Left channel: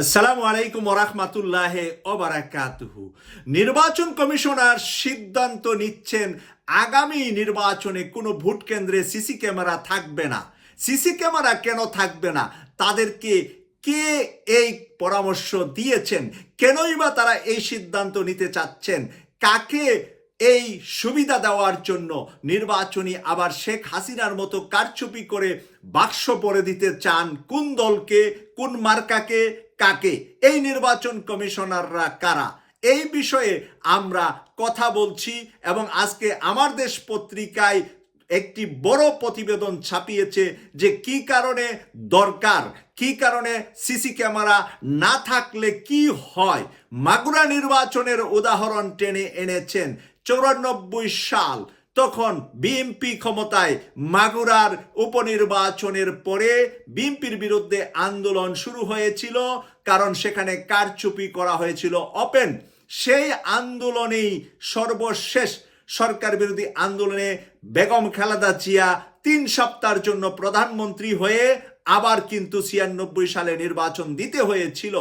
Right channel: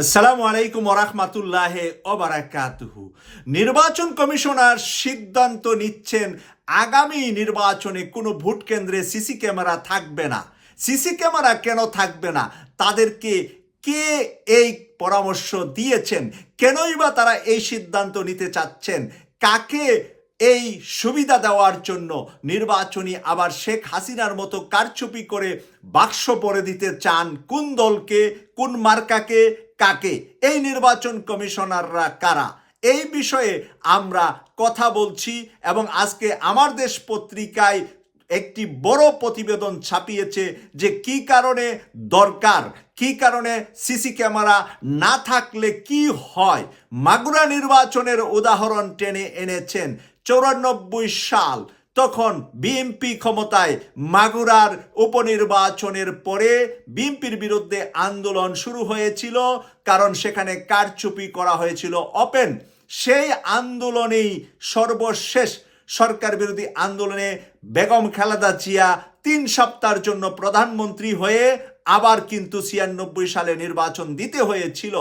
আসসালামু আলাইকুম ওরহমাতুল্লাহ ওবারাকাতুহু নির্বাচন কমিশনার সিদ্ধান্ত নিচ্ছেন, আগামী নির্বাচনে কোনো ভোট কেন্দ্রে সিসি ক্যামেরা থাকবে না। সিসি ক্যামেরা কেন থাকবে না? তাদেরকে কে এই পরামর্শ দিয়েছেন? কেনই বা তারা এই সিদ্ধান্ত নিতে চাচ্ছেন? কাকে এই সুবিধা দেওয়ার জন্য নির্বাচনী আবার শেখ হাসিনার মতো কারচুপি করে বাক্স পরে দিতে চান? কোন দলকে? কোন মার্কাকে? কাকে? এই নির্বাচন কমিশনাররা কারা? এই বিষয়ে আমরা কথা বলছি এবং আজকে আমার দেশ পত্রিকায় একটি বড় প্রতিবেদন ছাপিয়েছে যে কি কারণে দরকার, কি কারণে সিসি ক্যামেরা না থাকলে কি হয়। মাগুরা নির্বাচনের উদাহরণ টেনে এনেছেন চৌরানব্বই সাল। তখন বিএনপি ক্ষমতায় মাগুরার উপনির্বাচনের পরে বিএনপির বিরুদ্ধে আন্দোলন শুরু হয়েছিল, কারণ সেখানে কারচুপি করা হয়েছিল ওপেন। সেই আন্দোলনেই সর্বশেষ সরকার বিরোধী আন্দোলনে বেগম খালেদা জিয়া তিন সপ্তাহের জন্য প্রধানমন্ত্রী হয়ে আবার কিন্তু ছিয়ানব্বই সালে নির্বাচন দিতে হয়েছিল।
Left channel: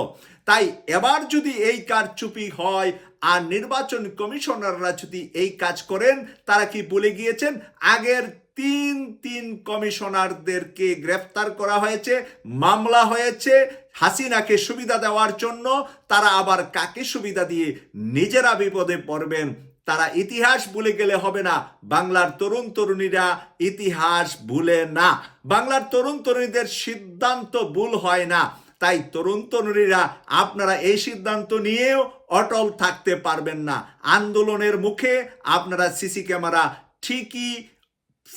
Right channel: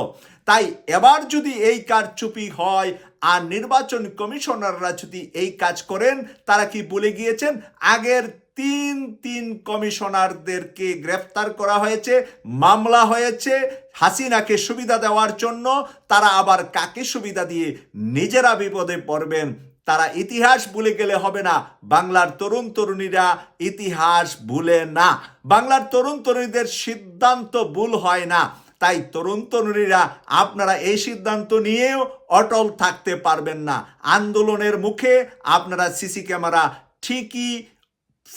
তাই এবার যদি এই কারচুপি হয় আর নির্বাচন কমিশনাররা যদি এই কাজ করেন, তারা কি বলে গিয়েছেন? আগের তিন তিন কমিশনারদেরকে গ্রেফতার করা হয়েছে, মামলা হয়েছে, হাসিনাকে সুবিধা দেওয়ার জন্য। তারা আবার কাকে সুবিধা দিয়ে নিজেরা বিপদে পড়বেন? তারা ইতিহাস ভুলে গেলে হবে না। বাংলার তরুণ তরুণীরা ইতিহাস ভুলে না। বাংলার তরুণ তরুণীদের সিদ্ধান্ত ভুল হয় না। তাই তরুণ তরুণীরা আপনারা এই সিদ্ধান্ত নিয়েও অটল থাকতে পারবেন না। আন্দোলনের মুখে আপনারা সিসি ক্যামেরা ঠিকই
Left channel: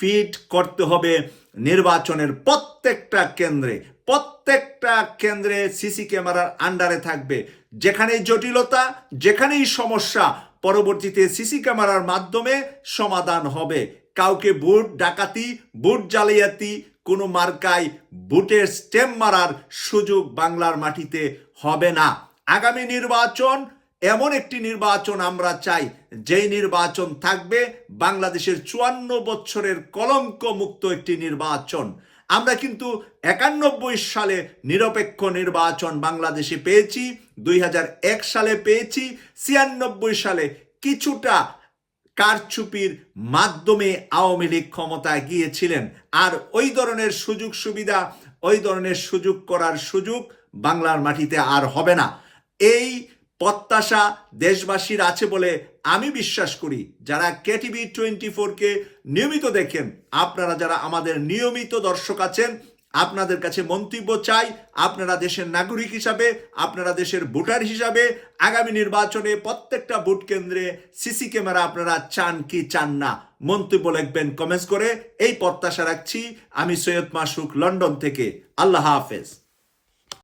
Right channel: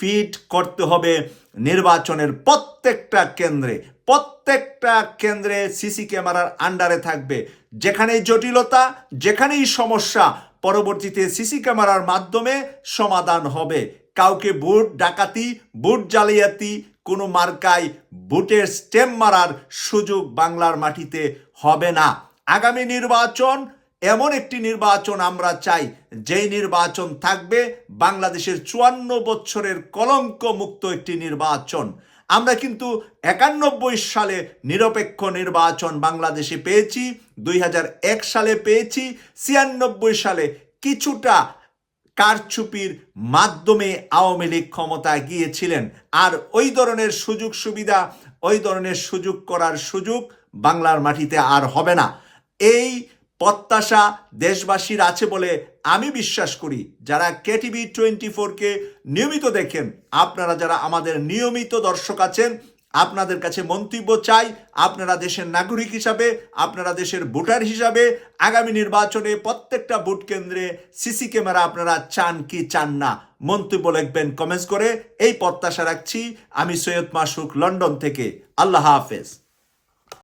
ফিট করতে হবে নির্বাচনের প্রত্যেকটা কেন্দ্রে। প্রত্যেকটা কেন্দ্রে সিসি ক্যামেরার আন্ডারে থাকবে। যেখানেই জটিলতা, যেখানেই সমস্যা, পরবর্তীতে সিসি ক্যামেরার মাধ্যমে সমাধান হবে। কাউকে ভোট ডাকাতি ভোট জালিয়াতি কোনো মার্কায় ভোটের স্টেম মারার সুযোগ বাংলার মাটিতে হবে না। আগামী নির্বাচন, এমন একটি নির্বাচন আমরা চাই, যেই নির্বাচন থাকবে বাংলাদেশের চুয়ান্ন বছরের কলঙ্ক মুক্ত একটি নির্বাচন। আমরা কিন্তু একানব্বই সালে নিরপেক্ষ নির্বাচন বাংলাদেশে পেয়েছি, দুই হাজার এক সালে পেয়েছি, ছিয়ানব্বই সালে কিছুটা কারচুপির মাধ্যমে আওয়ামী লীগ ক্ষমতায় গিয়েছিলেন। আর ওই ধরনের সুযোগ সুবিধা, ওই ধরনের সুযোগ করার সুযোগ বাংলার মাটিতে আর হবে না। এই প্রত্যাশা দেশবাসীর আছে বলে আমি বিশ্বাস করি। যারা কেটিভি টোয়েন্টি ফোরকে নিয়মিত দেখেন, আপনারা যারা আমাদের নিয়মিত দর্শক আছেন আপনাদের কাছে মন্তব্য চাই, আপনারা দেশের নাগরিক হিসাবে, আপনারা দেশের ভোটার হিসাবে, আগামী নির্বাচনে প্রত্যেকটা ভোট কেন্দ্রে সিসি ক্যামেরা আপনারা চান কি চান না, মন্তব্য লিখবেন কমেন্টস করে। এই প্রত্যাশা রাখছি। আমি সৈয়দ মাসুক, লন্ডন থেকে। আল্লাহ হাফেজ।